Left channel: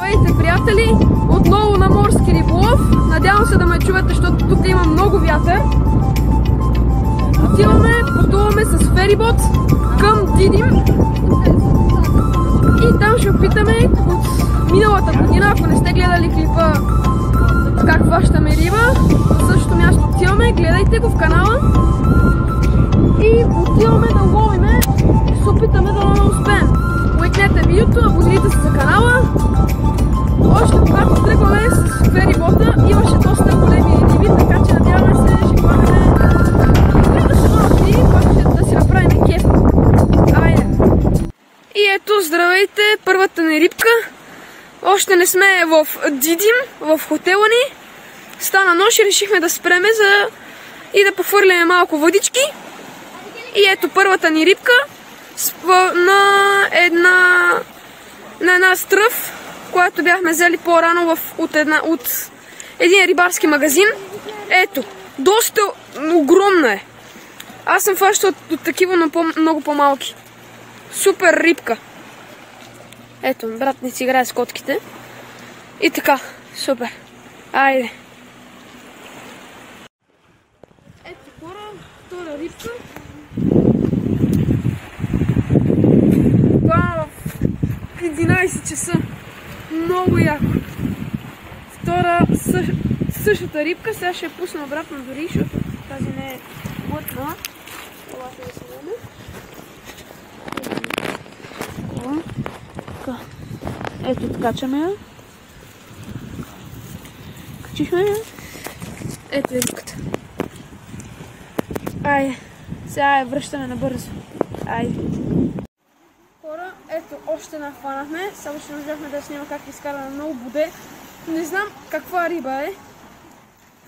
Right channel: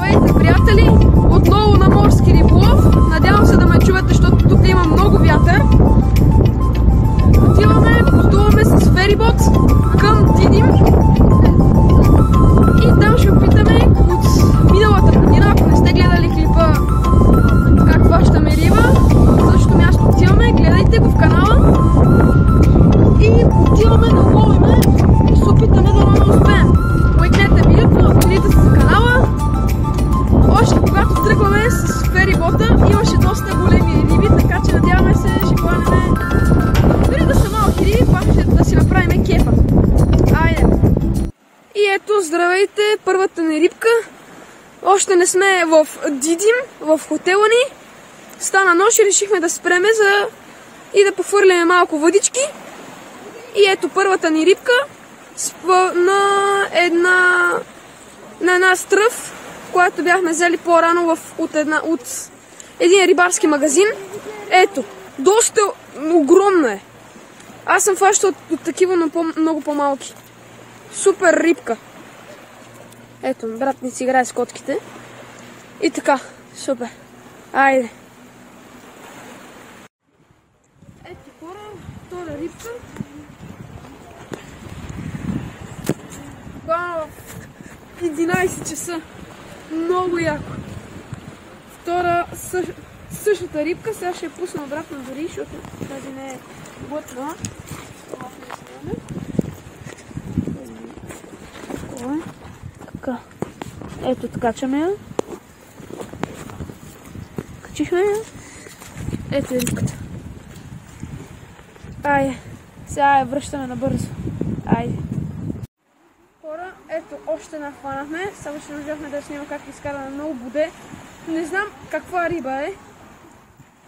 Здравейте, приятели! Отново на морски риболов. Надявам се да ме чувате, защото тук има много вятър. Пътуваме с ферибот към Дидим. И там ще опитаме от миналата година, ако не сте гледали клипа как хващаме риба, в същото място отиваме, гледайте го в канала. И отиваме да ловиме и се опитаме да успеем. Лайкнете видеото, абонирайте се за канала. Още когато тръгваме с ферибота, имаше доста големи риби, така че надяваме се, ще хванем дори да са малки риби, пак ще да си направим кефа. Айде! И ето, здравейте, първата ни рибка. Още не сме в Дидим, в хотела ни. Стана нощ и решихме да спреме и да пофърляме малко въдички. И ето първата ни рибка на една стръв, която бяхме взели по-рано от един рибарски магазин. Ето, доста огромна е. Аз съм фащал от такива, но много по-малки. Супер рибка. Ето, брат не си играе с котките. И така, супер. Айде. Ето хора, втора рибка. Бам, в 11 часа. Много яко. Втора същата рибка. Сега ще я пусна обратно дори, защото тази не е глътна. Ето така качаме я. Качихме я. Ето е рибката. Айде. Сега я връщаме набързо. Айде. Хора, ето още една хванахме. Само че не можахме да снима как изкара на много боде. Не знам каква риба е.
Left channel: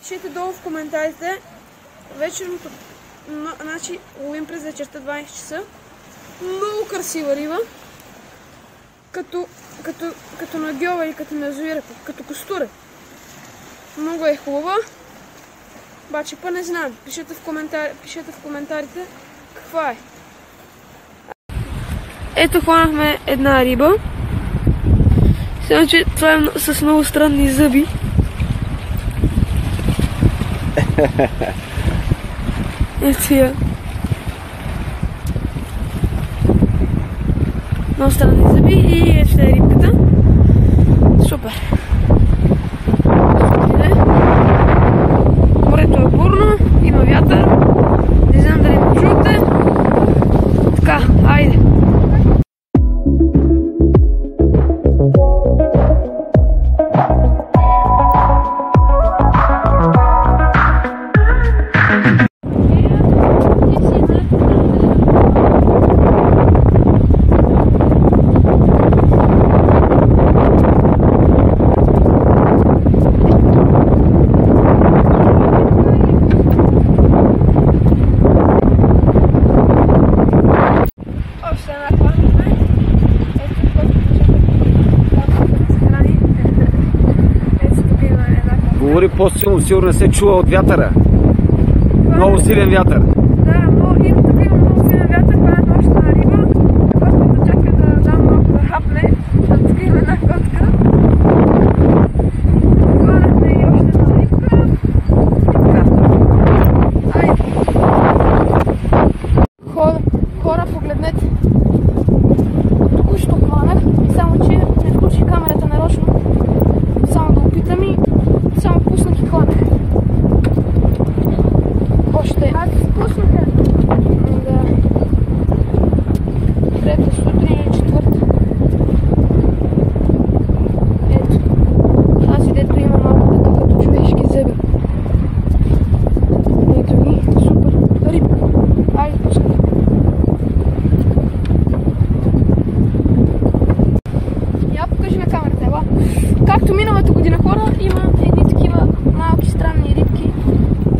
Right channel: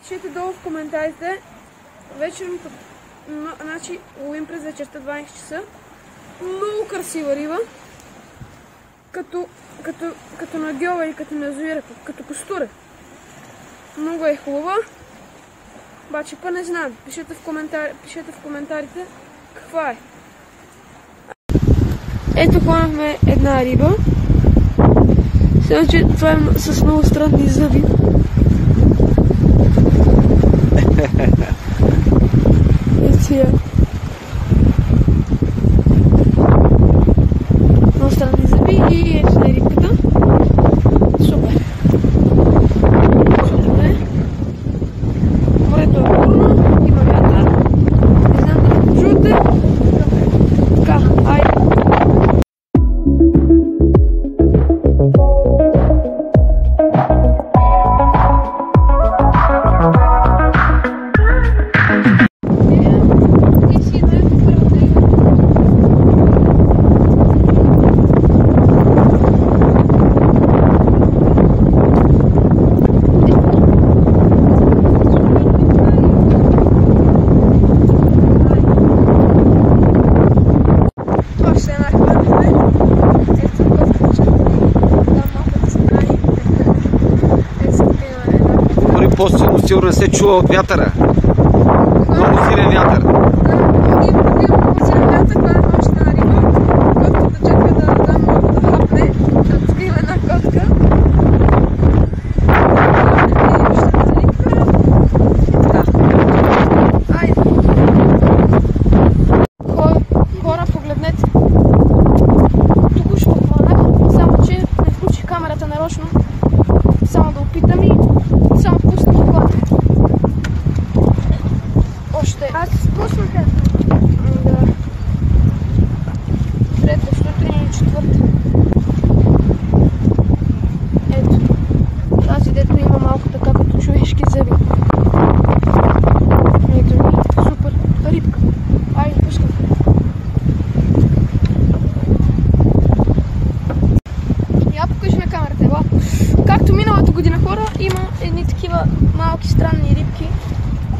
Пишете долу в коментарите. Вечерното, значи ловим през вечерта 12 часа. Много красива риба. Като на гьова или като на язовира, като костуре. Много е хубава. Обаче па не знам. Пишете в коментарите каква е. Ето хванахме една риба. Сега, че това е с много странни зъби. Ето я. Много странни зъби и ето е рибката. Супер. Морето е бурно, има вятър. Не знам дали ме чуете. Така, айде. Говори по-силно, сигурно не се чува от вятъра. Много силен вятър. Да, има много силен вятър, хванахме още една риба. Котката чакаме да дам малко да хапне. Тук има една котка. Хора, погледнете. Току-що хванах, само че не включих камерата нарочно. Само да опитам и само пуснах и хванах. Още. Аз спуснах една. Да. Трета сутрин и четвърта. Ето. Тази дето има малко така като човешки зъби. Ето ми. Супер. Рибка. Айде, пускай. Я покажи на камерата, ела. Както миналата година, хора, има едни такива малки странни рибки.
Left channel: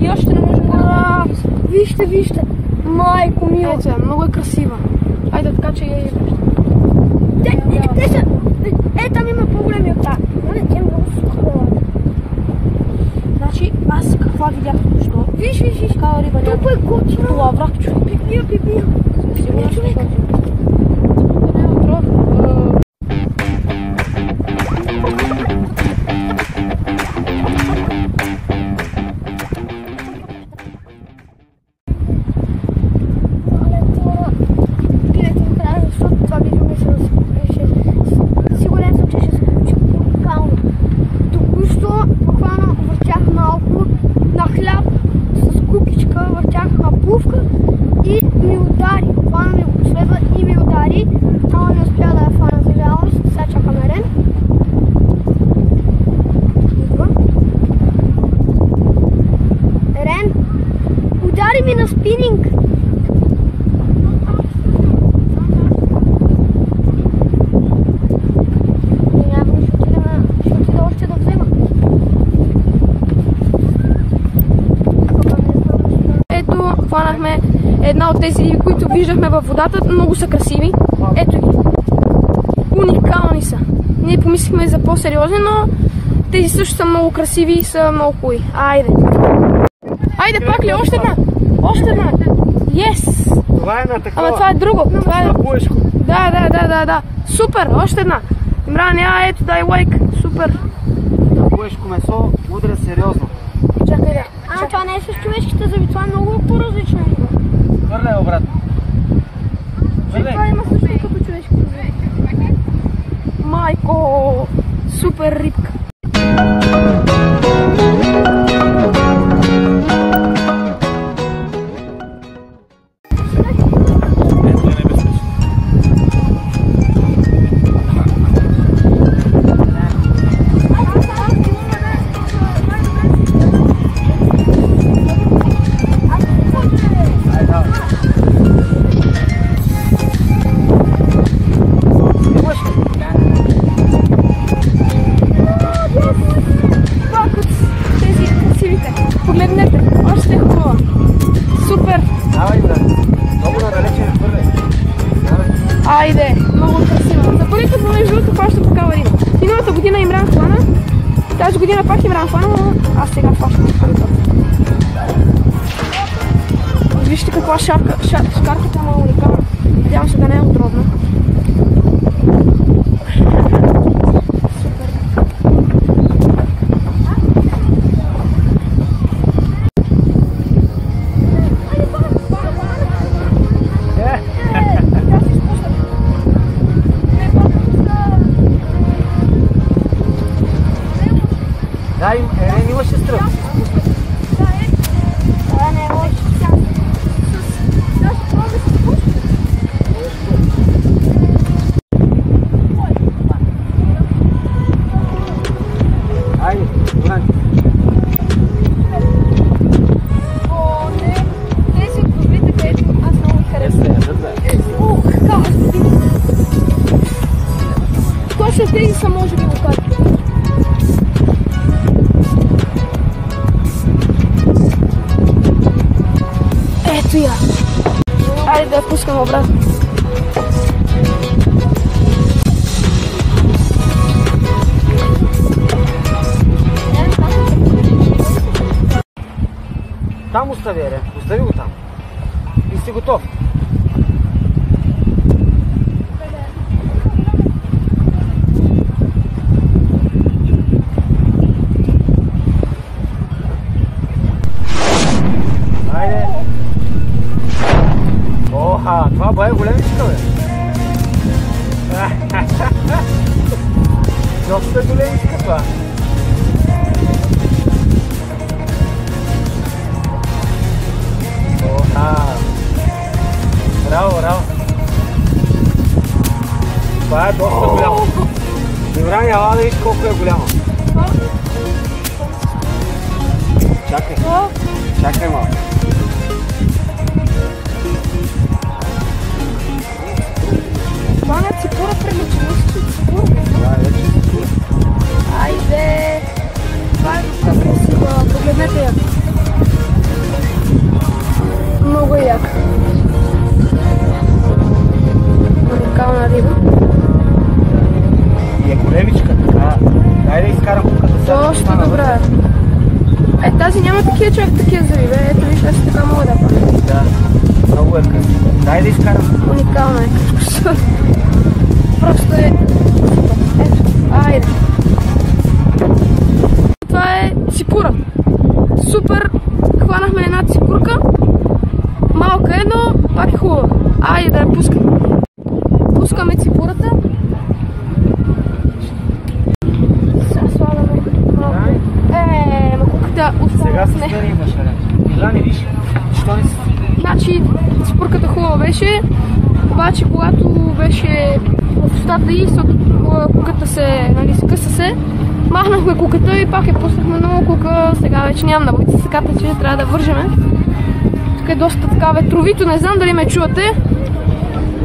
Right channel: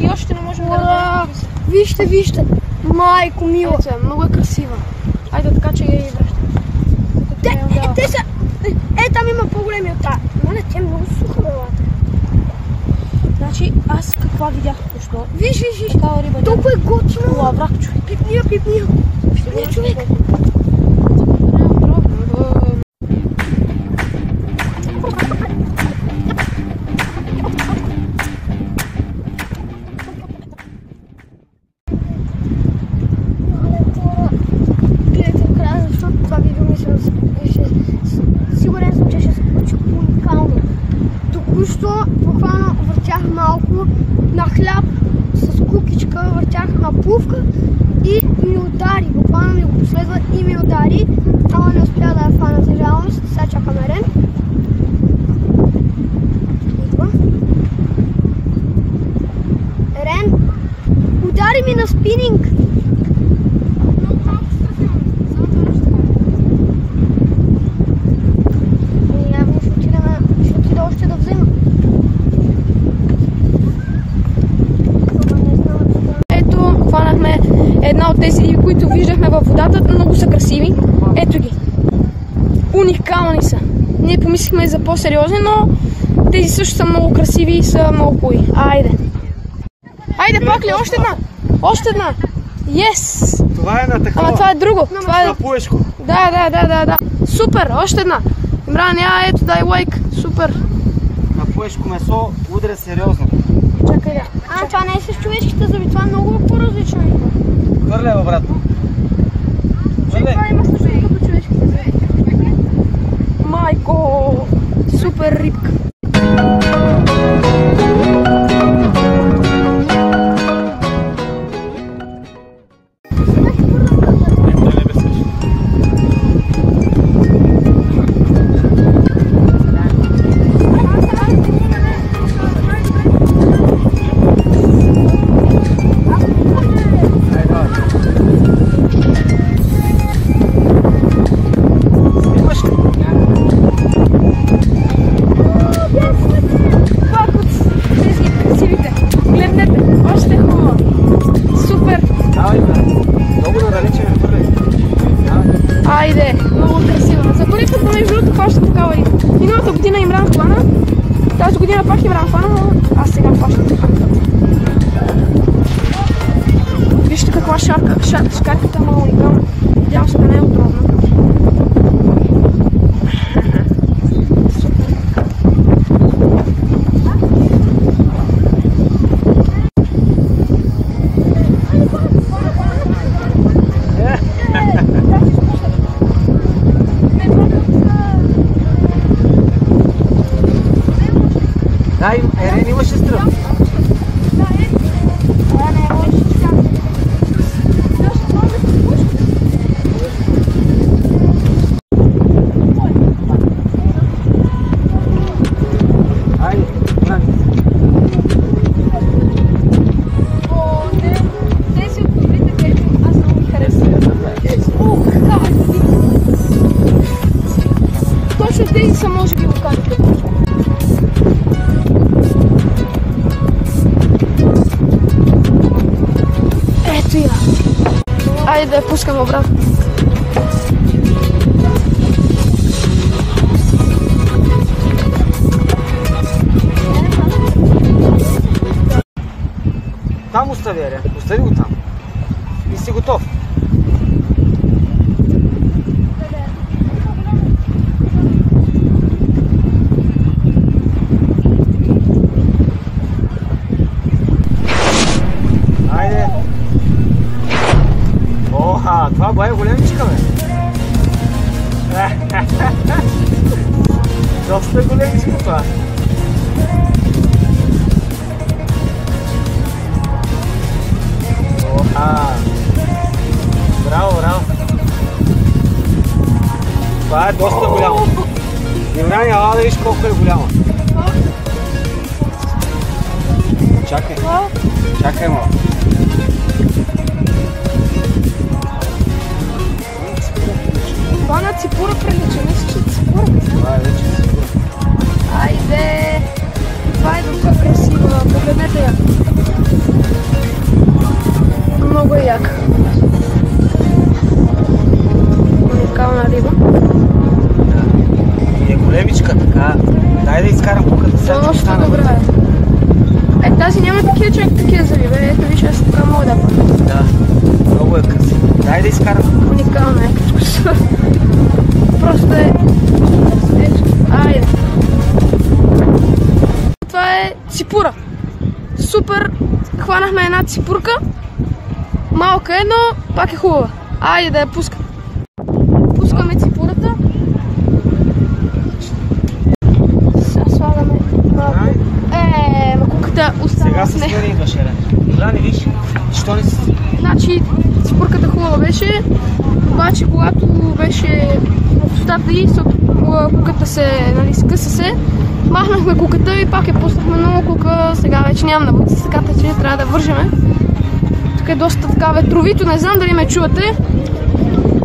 И още не можем да разберем. Вижте, вижте. Майко мила. Ето, много е красива. Айде, така че я и връща. Те са... там има по-големи от тази. Мале, тя е много суха. Значи, аз каква видях току-що? Виж. Такава риба няма. Толкова е готино. Това враг, човек. Пипия. Пипия, човек. Сигурен съм, че ще се получи уникално. Току-що буквално въртях малко на хляб с кукичка, въртях на плувка и ми удари. Буквално ми го последва и ми удари, ама не успя да я фана за жалост. Сега чакаме Рен. Идва. Рен, удари ми на спининг! Още да взема. Ето, хванахме една от тези, които виждахме във водата. Много са красиви. Ето ги. Уникални са. Ние помислихме за по-сериозни, но тези също са много красиви и са много хубави. Айде. Айде, пак ли? Още една. Още една. Yes! Това е на такова. Ама това е друго. Това е... На пуешко. Да. Супер, още една. Имран, ето, дай лайк. Супер. На пуешко месо удря сериозно. Чакай де. Това не е с човешките зъби, това е много по-различна риба. Хвърляй обратно. Това има също като човешките зъби. Майко, супер рибка. Погледнете, още хубава. Супер! Айде, много красива. За първи път, между другото, хващам такава риба. Миналата година Имран хвана, тази година пак Имран хвана, но аз сега хващам за първи път. Вижте каква шкарката е уникална. Надявам се да не е отровна. Дай, Ерен имаше стръп. Това не е лошо. Айде, Имран. Точно тези са може би локалите. Ето я. Айде да я пускам обратно. Там остави, Ерен. Остави го там. И си готов. Айде. Оха, това бая големичка, бе. Доста големичка това. Браво. Това е доста голямо. Имран, ела да виж колко е голямо. Чакай малко. Това на ципура прилича, мисля, че ципура. Това е вече ципура. Айде! Това е доста красива. Погледнете я. Много е яка. Уникална риба. Е големичка, така. Дай да изкарам тук. Доста добра е. Тази няма такива зъби, бе. Ето виж, аз така мога да памня. Да, много е красиво. Дай да изкарам. Уникална е. Просто е... Ето, айде. ципура. Супер, хванахме една ципурка. Малка е, но пак е хубава. Айде да я пускам. Пускаме ципурата. Сега слагаме малко. Макуката остава. Сега се смери имаш, гледай, виж, що не си. Значи ципурката хубава беше, обаче когато беше в устата й, куката се, нали, скъса се, махнахме куката и пак я пуснахме много кука, сега вече нямам на бъци, така че трябва да вържеме. Тук е доста така ветровито, не знам дали ме чувате.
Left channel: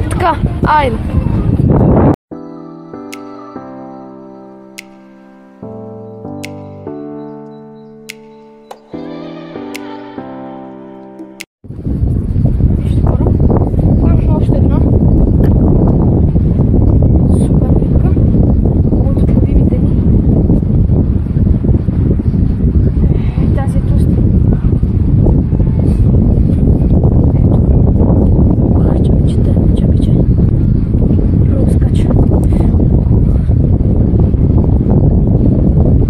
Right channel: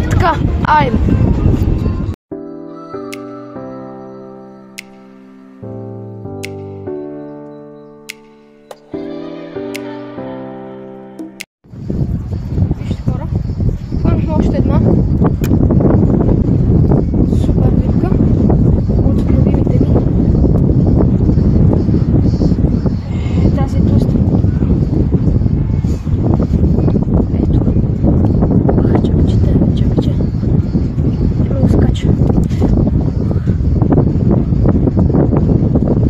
Така, айде. Още една супер рибка от любимите ни. Тази е тъста. Ето. Чакай. Много скача.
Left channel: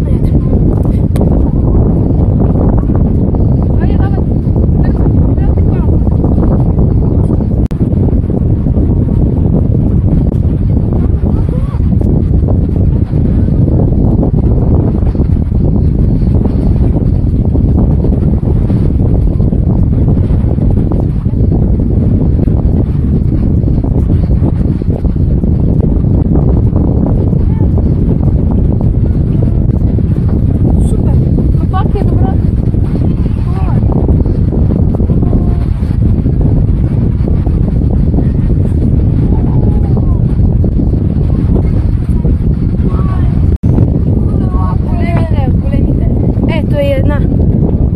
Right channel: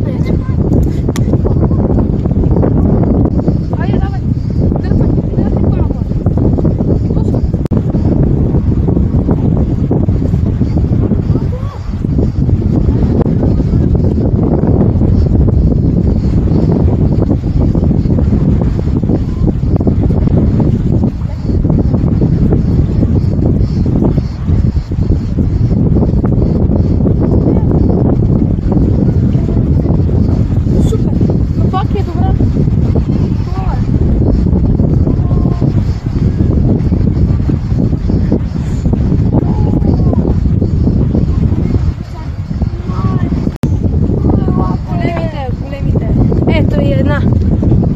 Ето. Айде, давай. Дърпай по-напред.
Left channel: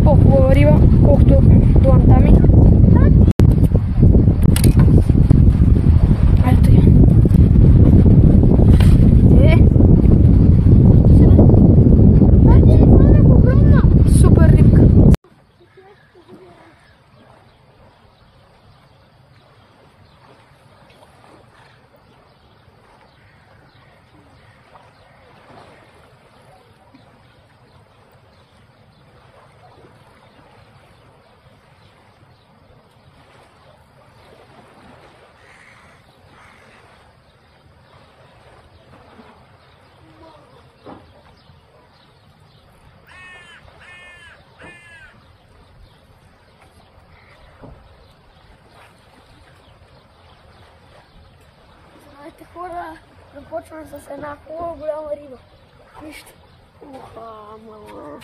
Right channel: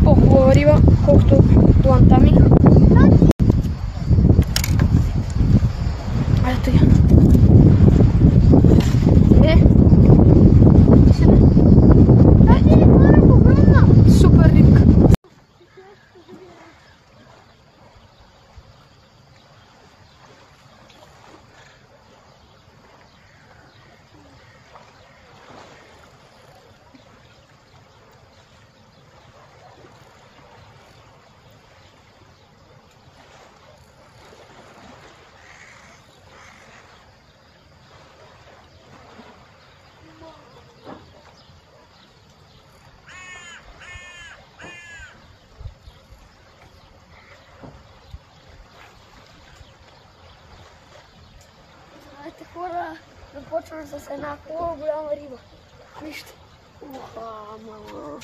По-хубава риба, колкото дланта ми. Ето я. Супер рибка. Здравейте хора, започвам с една хубава голяма риба. Вижте. Уха, мама.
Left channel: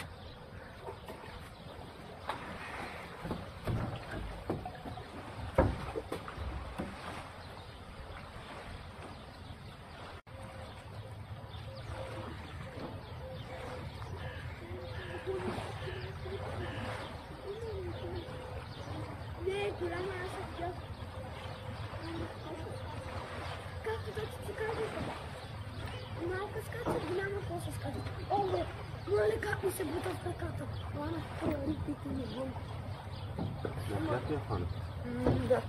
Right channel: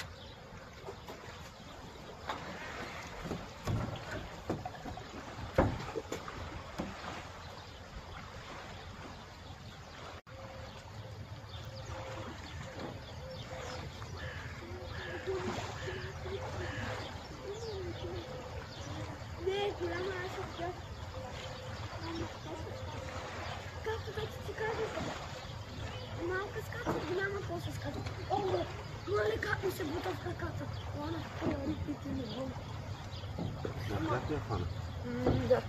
Малко скачат, голяма после скачат. Ого, гледай как ми се бута в краката. Хванах рибите ми вън. Как я хвана? Да.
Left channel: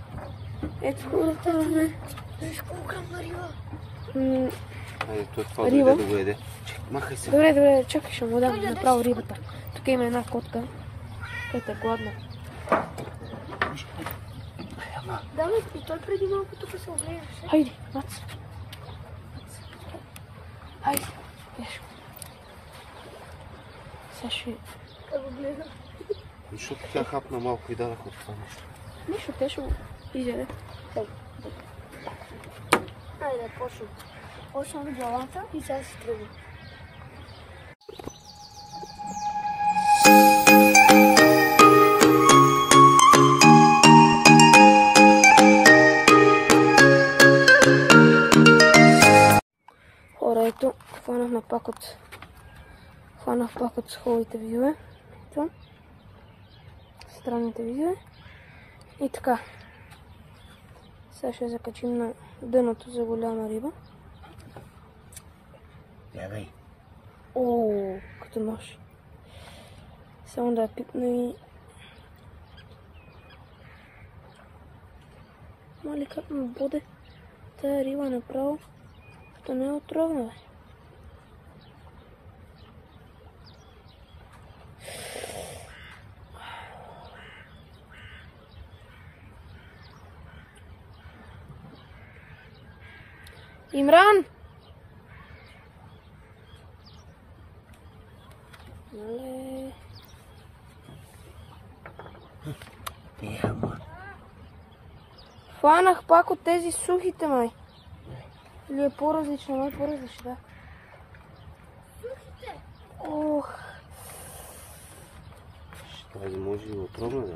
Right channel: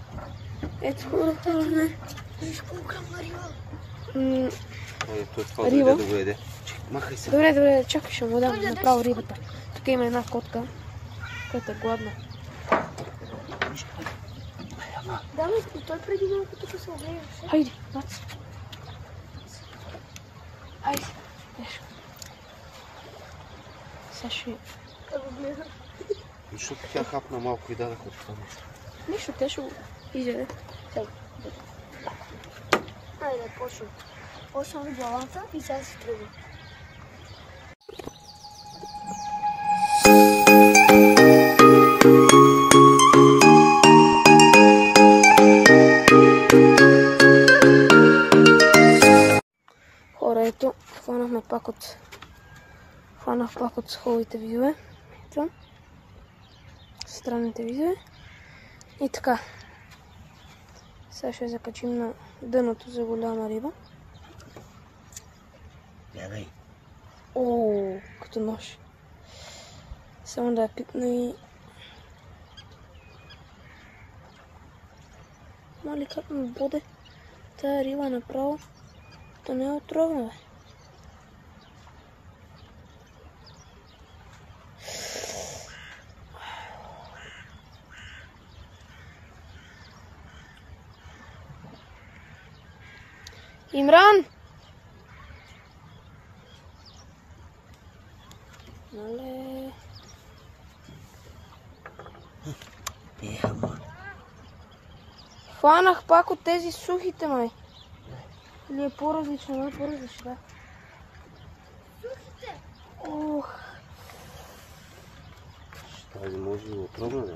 Ето хората, не. Виж колко грамна риба. Той това Риба? да го еде. Махай се. Добре, чакай, ще му дам направо рибата. Тук има една котка, която е гладна. Да, и той преди малко тук се огледа. Хайде, нац. Хайде, виж. Сега ще... Да го гледа. Защото тя хапна малко и дадах от това нещо. Нищо, те ще го изяде. Айде, почвам. Почвам главата и сега се тръгвам. Хора, ето, хванах пак от хубавите видео. Ето. Странните видео. И така. Сега ще закачим на дъното за голяма риба. Бягай. О, като нож. Само да я пипна и... Мали как ме боде тая риба направо. Да не е отровна, бе. Имран! Хванах пак от тези сухите, май. Или е по-различно, май по-различно, да. Сухите? Ох. Тази може и отровна, да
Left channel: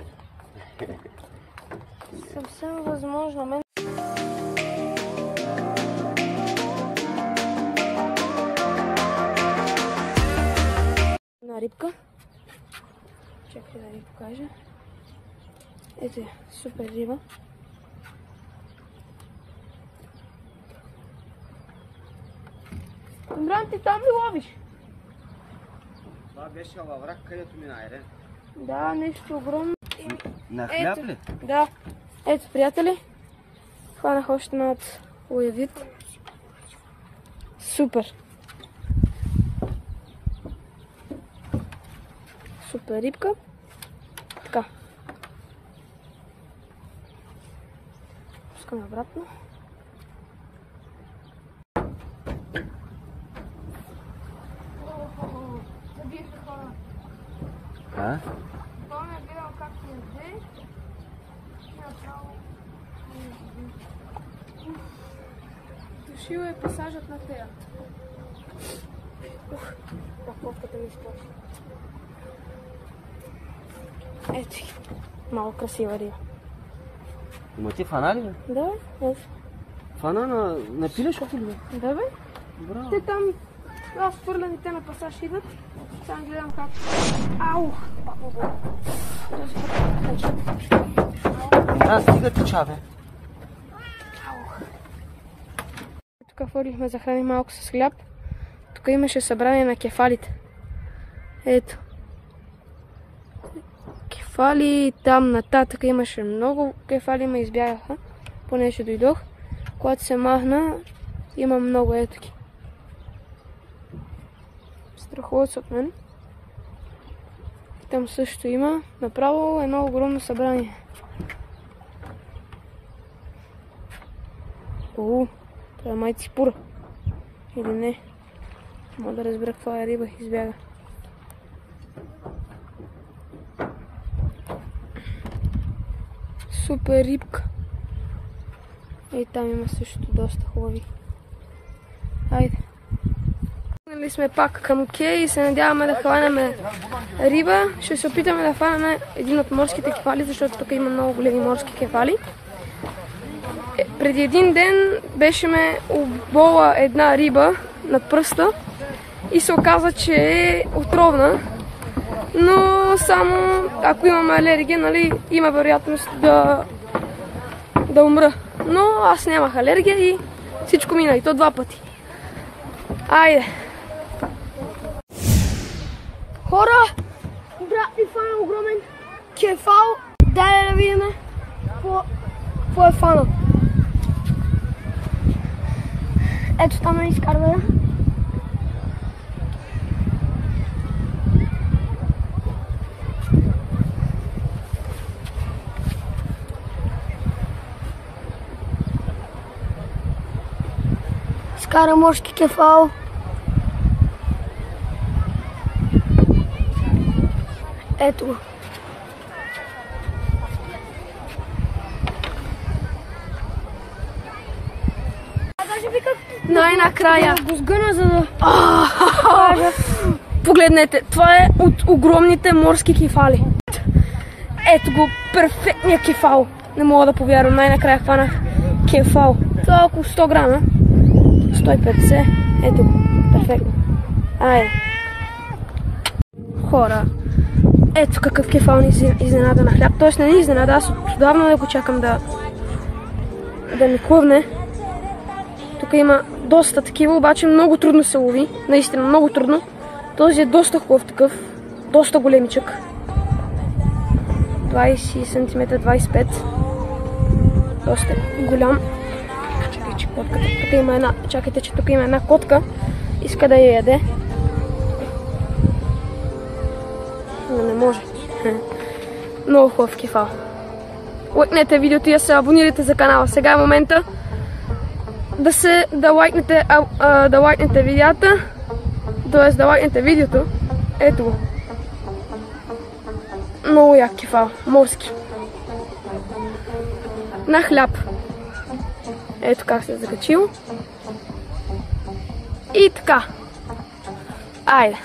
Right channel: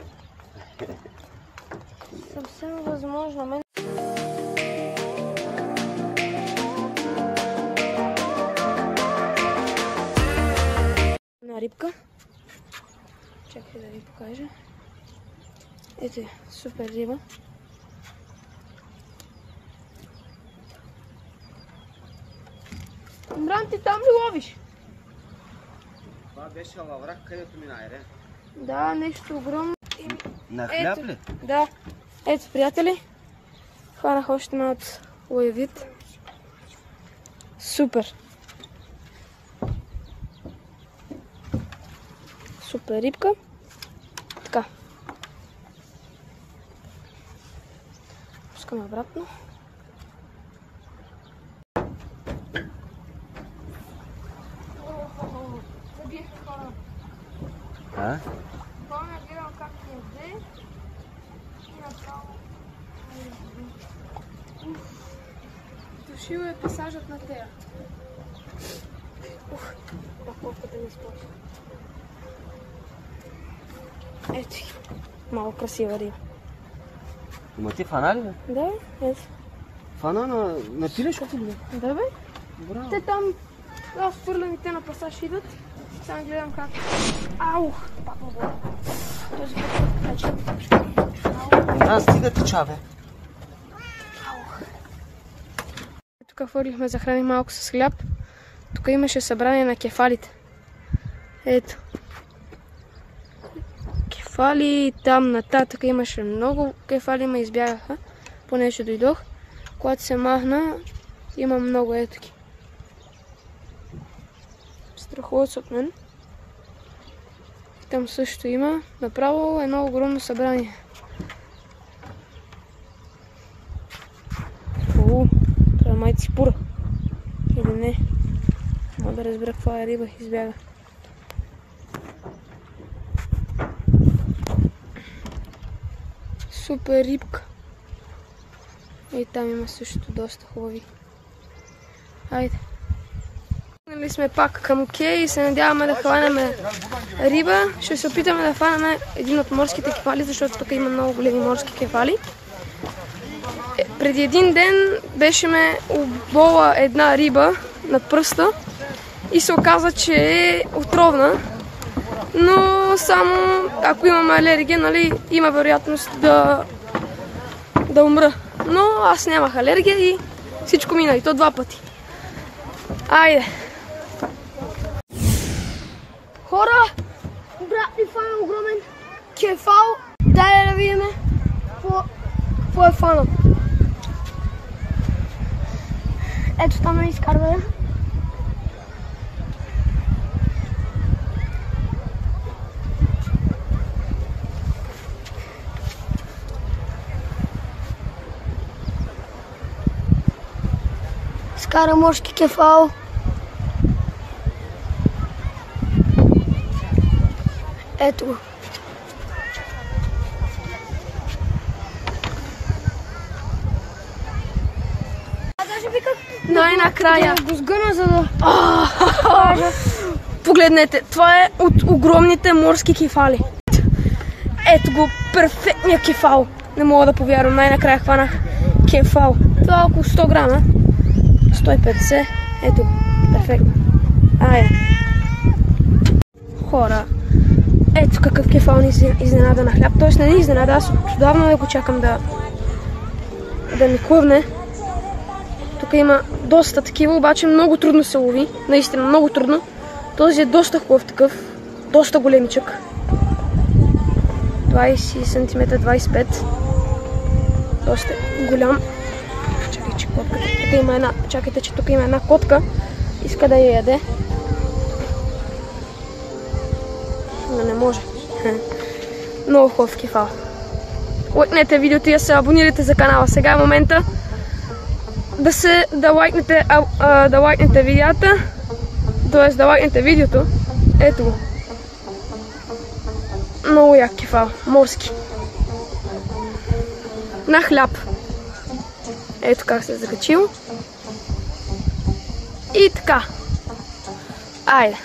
е. Съвсем възможно. Една рибка. Чакай да ви покажа. Ето е, супер риба. Имран, ти там ли ловиш? Това беше във враг, където мина, Ирен. Да, нещо огромно. На хляб ли? Да. Ето, приятели. Хванах още малко лоевит. Супер. Супер рибка. Така. Пускаме обратно. Забиеха хора. А? Помня, гледам как ми яде и направо... Дошил е пасажът на тея. Паковката ми изплаши. Ето, малко красива риба. Има ти фана ли, бе? Да, ето. Фана на пилешкото ли, бе? Да, бе. Браво. Те там, аз фърлям и те на пасаж идат. Само гледам как. Ау! Пак му го. Този път. Да, стига тича, бе. Тук фърлихме, захраним малко с хляб. Тук имаше събрание на кефалите. Ето. Кефали, там нататък имаше много кефали, ме избягаха. Понеже дойдох. Когато се махна, има много етики. Страхуват се от мен. И там също има. Направо едно огромно събрание. Това е май ципура. Или не. Мога да разбера каква е риба. Избяга. Супер рибка. И там има също доста хубави. Хайде. Стигнали сме пак към Кей и се надяваме да хванем риба. Ще се опитаме да хванем един от морските кефали, защото тук има много големи морски кефали. Преди един ден беше ме обола една риба над пръста и се оказа, че е отровна. Но само ако имаме алергия, нали, има вероятност да умра. Но аз нямах алергия и всичко мина, и то 2 пъти. Айде! Хора! Брат ми фана огромен кефал. Дай да видим какво е фана. Ето там не изкарва. Скара морски кефал. Ето го. Даже виках най-накрая го сгъна, за да кажа. Погледнете, това е от огромните морски кефали. Ето го, перфектният кефал. Не мога да повярвам, най-накрая хванах кефал. Това е около 100 грама. 150. Ето го, перфектно. Айде. Хора, ето какъв кефал ни изненада на хляб. Тоест не ни изненада, аз отдавна да го чакам да ми клъвне. Тук има доста такива, обаче много трудно се лови. Наистина много трудно. Този е доста хубав такъв. Доста големичък. 20 см, 25. Доста голям. Чакай, че котката. Тук има една. Чакайте, че тук има една котка. Иска да я яде. Но не може. Много хубав кефал. Лайкнете видеото и се абонирайте за канала. Сега е момента да лайкнете видеята, т.е. да лайкнете видеото. Ето го. Много як кефал, морски. На хляб. Ето как се е закачил. И така. Айде.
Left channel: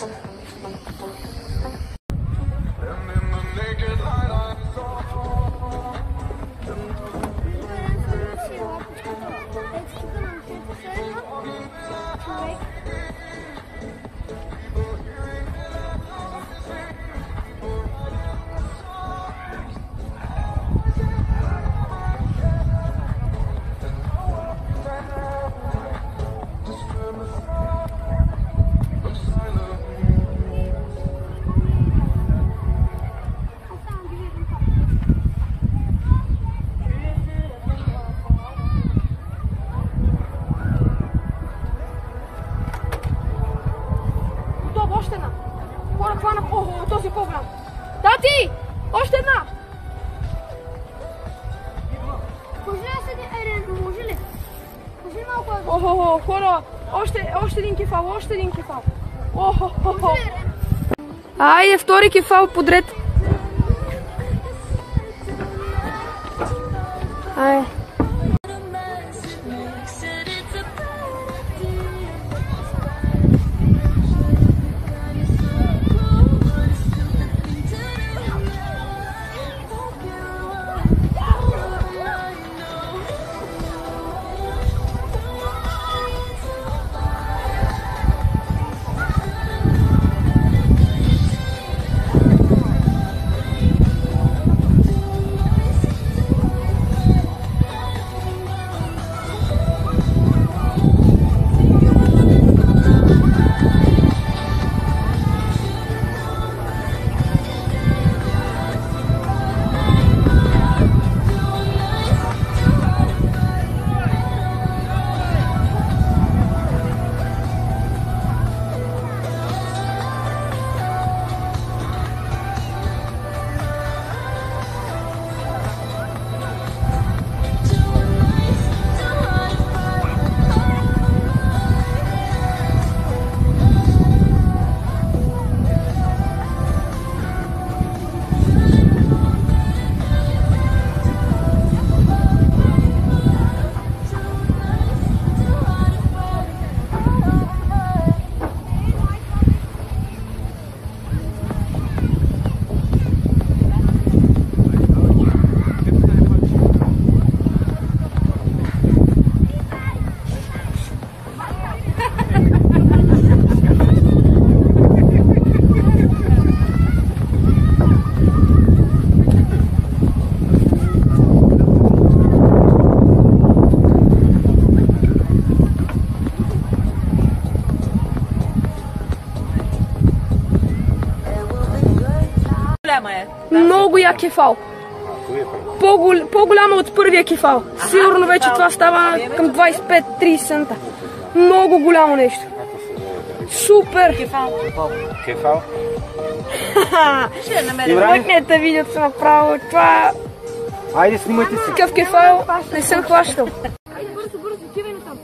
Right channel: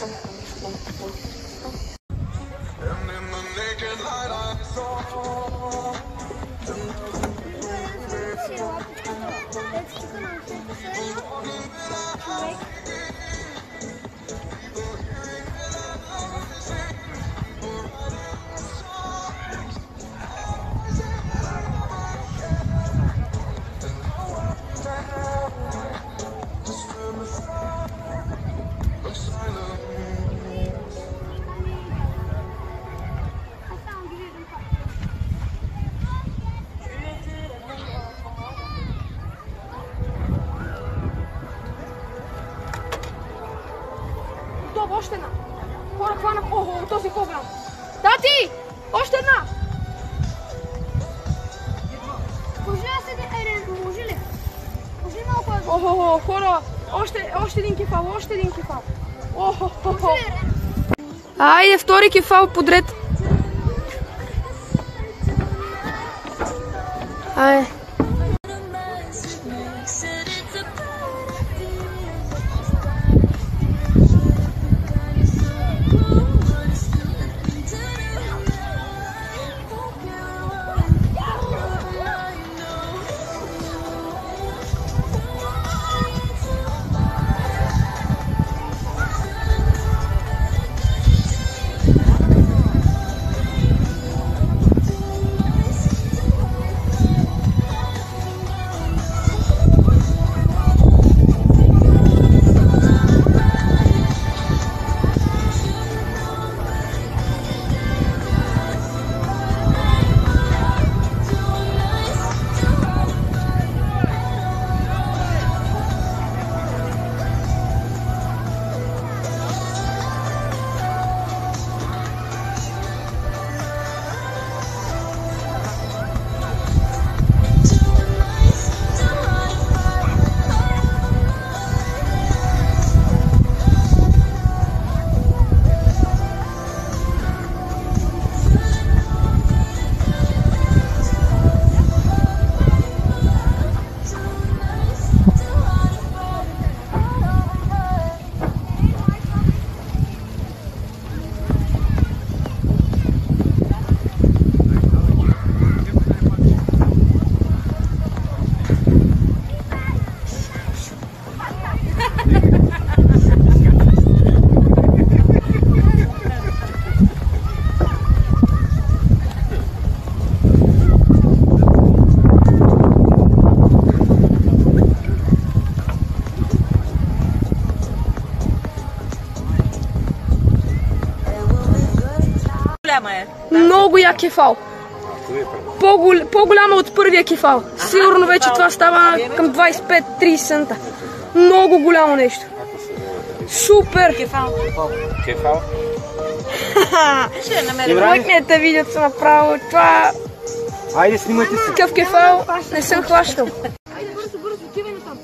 Още една. Хора, хванах. Охо, този е по-голям. Тати! Още една! Може ли да седи? Може ли? Може ли малко? Охо, хора, още един кефал, още един кефал. Охо. Айде, втори кефал подред. Айде. Много як кефал. По-голяма от първия кефал. Сигурно вече това става към 25-30 цента. Много голямо нещо. Супер! Кефал? Ще намерим. Лайкнете видеото направо. Това... Айде, снимайте се. Такъв кефал не съм хващал. Айде бързо, отивай на там.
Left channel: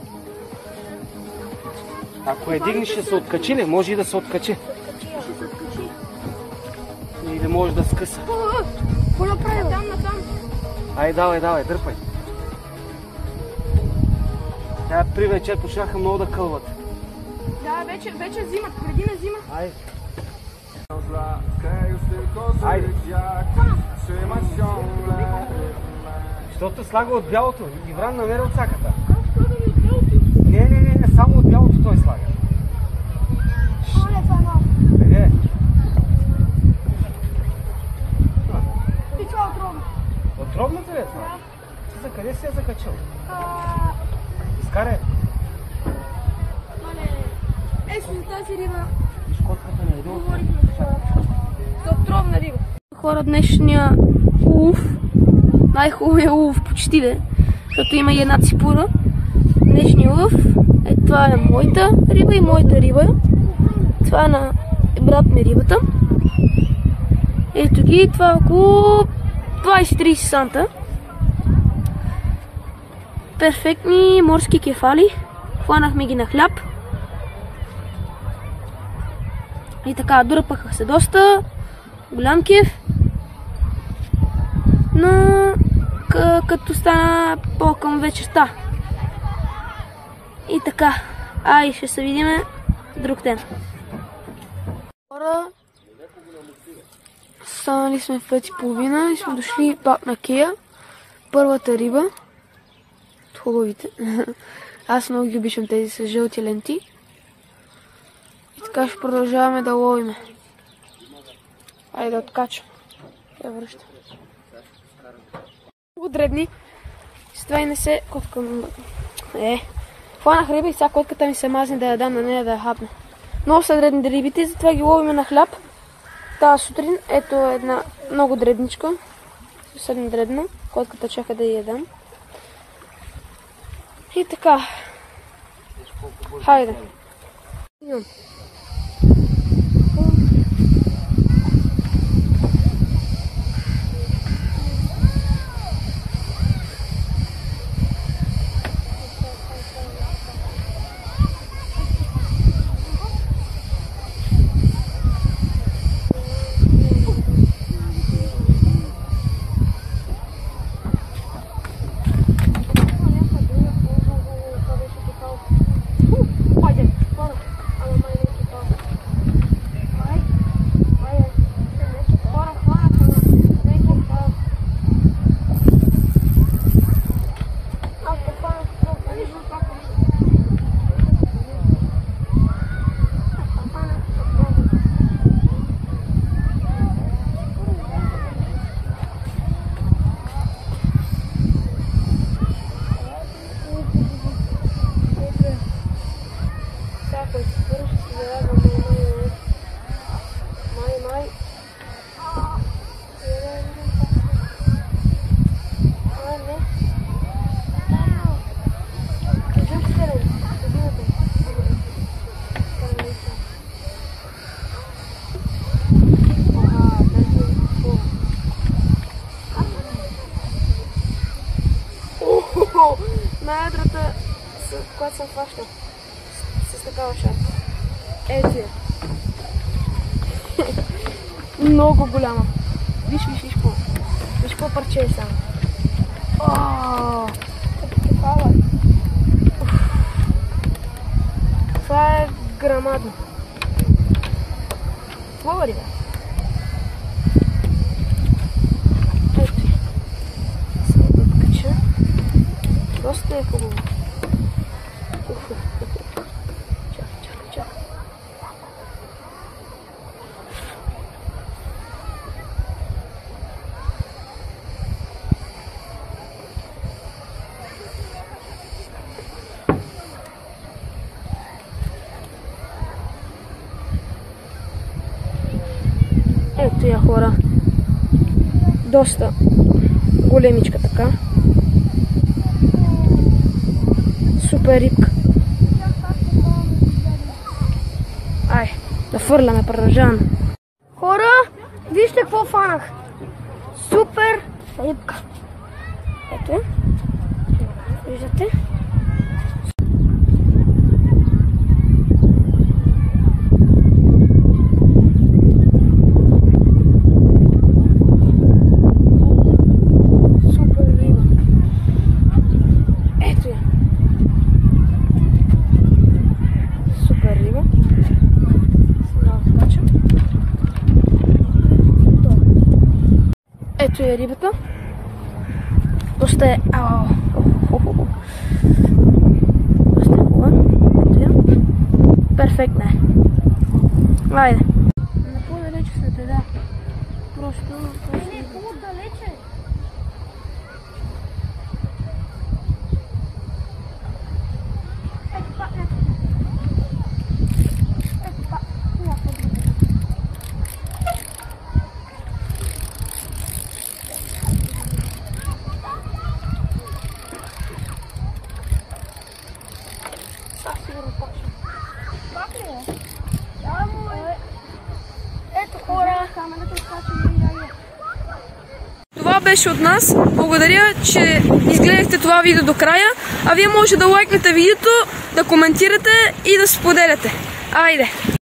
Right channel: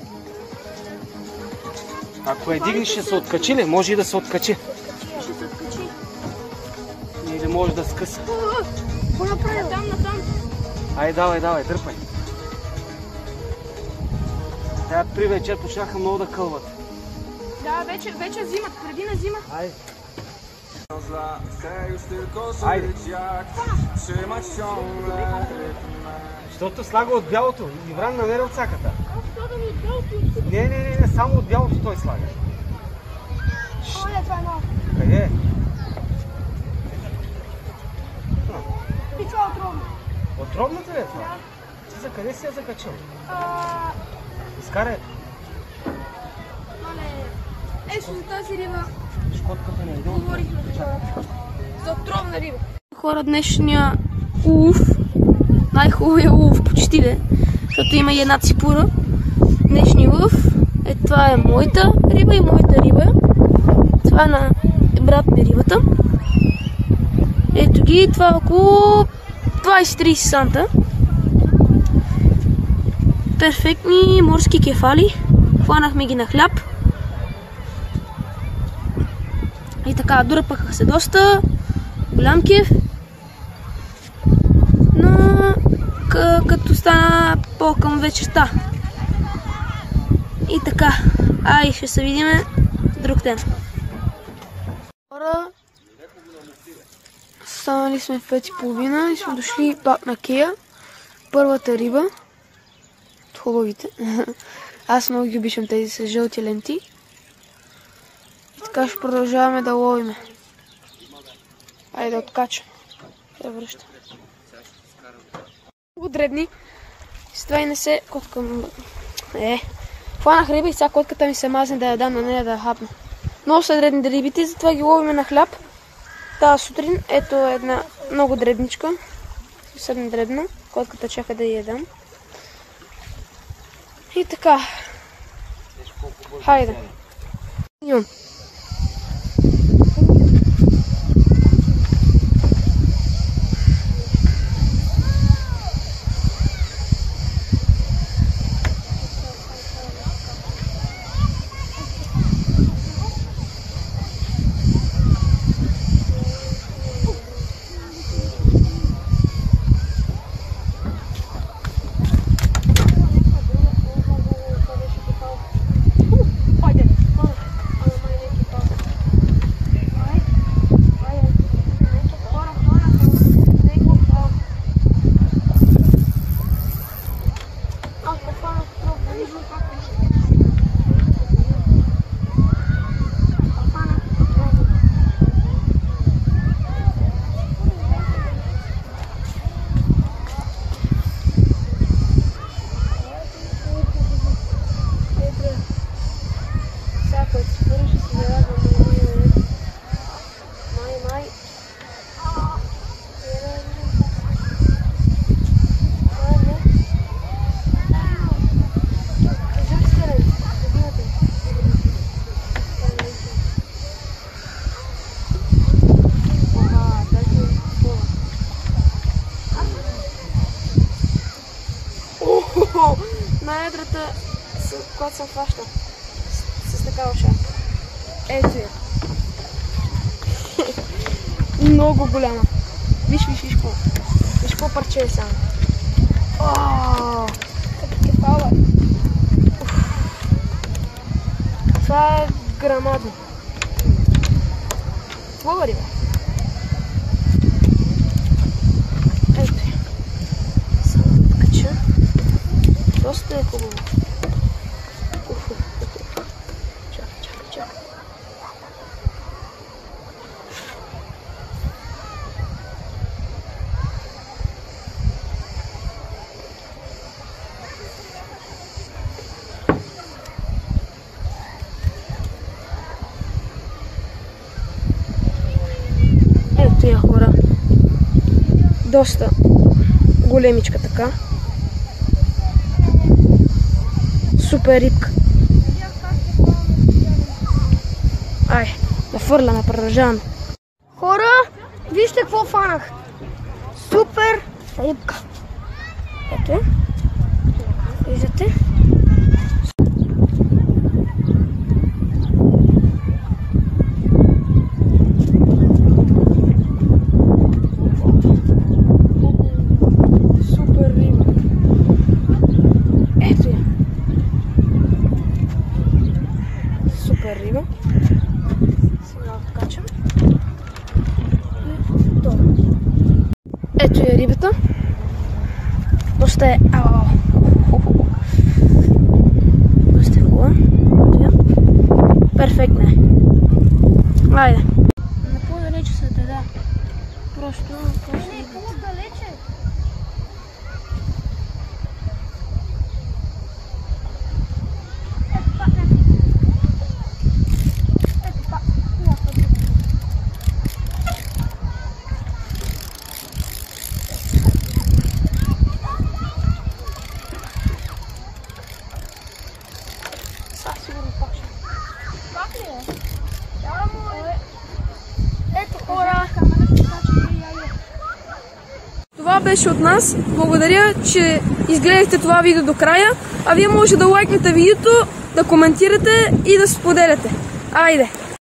Ако я дигнеш, ще се откачи ли? Може и да се откачи. Или може да скъса. Айде, давай, дърпай. Тая при вечето шаха много да кълват. Да, вече зимат, преди не зимат. Айде. Айде. Защото слага от бялото. Ивран намери от всяката. Не, само от бялото той слага. Това е малко. Къде е? Това е отровно. Отровната ли е това? Да. Ти за къде си я закачил? Изкарай. Ето за тази риба. Шкотката не е един говорихме за отровна риба. Хора, днешния улов, най-хубавия улов почти ли, защото има и една ципура. Днешния улов, това е моята риба и моята риба. Това е на брат ми рибата. Ето ги, това е около 20-30 санта. перфектни морски кефали. Хванахме ги на хляб. И така, дърпаха се доста. Голям кеф. Но като стана по-към вечерта. И така, ще се видиме друг ден. Хора, станали сме в 5:30 и сме дошли пак на кея. Първата риба. От хубавите. Аз много ги обичам тези с жълти ленти. И така ще продължаваме да ловиме. Айде да откачам. Да връщам. Много дребни. С това и не се коткам. Хванах риба и сега котката ми се мазне да я дам на нея да я хапне. Много са дребни рибите, затова ги ловиме на хляб. Тази сутрин, ето една много дребничка. Съвсем дребна. Котката чака да я дам. И така. Хайде. Идем. Най-едрата, която съм хващал с такава шапка. Ето я. Много голяма. Виж какво. Виж какво парче е само. Това е грамадно. Хубава риба. Ето я. Само да откача. Доста е хубаво. Чакай. Ето я, хора. Доста големичка така. Супер рибка. Да фърляме, продължаваме. Хора, вижте какво фанах. Супер рибка. Ето. Виждате? Супер риба. Ето я. Супер риба. Сега откачам. Ето е рибата. Доста е... Доста е хубава. Перфектна е. Айде. Но по-далече са те, да. Просто По-далече. Сигурно пак ще. Пак ли е? Ето хора. беше от нас. Благодаря, че изгледахте това видео до края. А вие може да лайкнете видеото, да коментирате и да споделяте. Айде!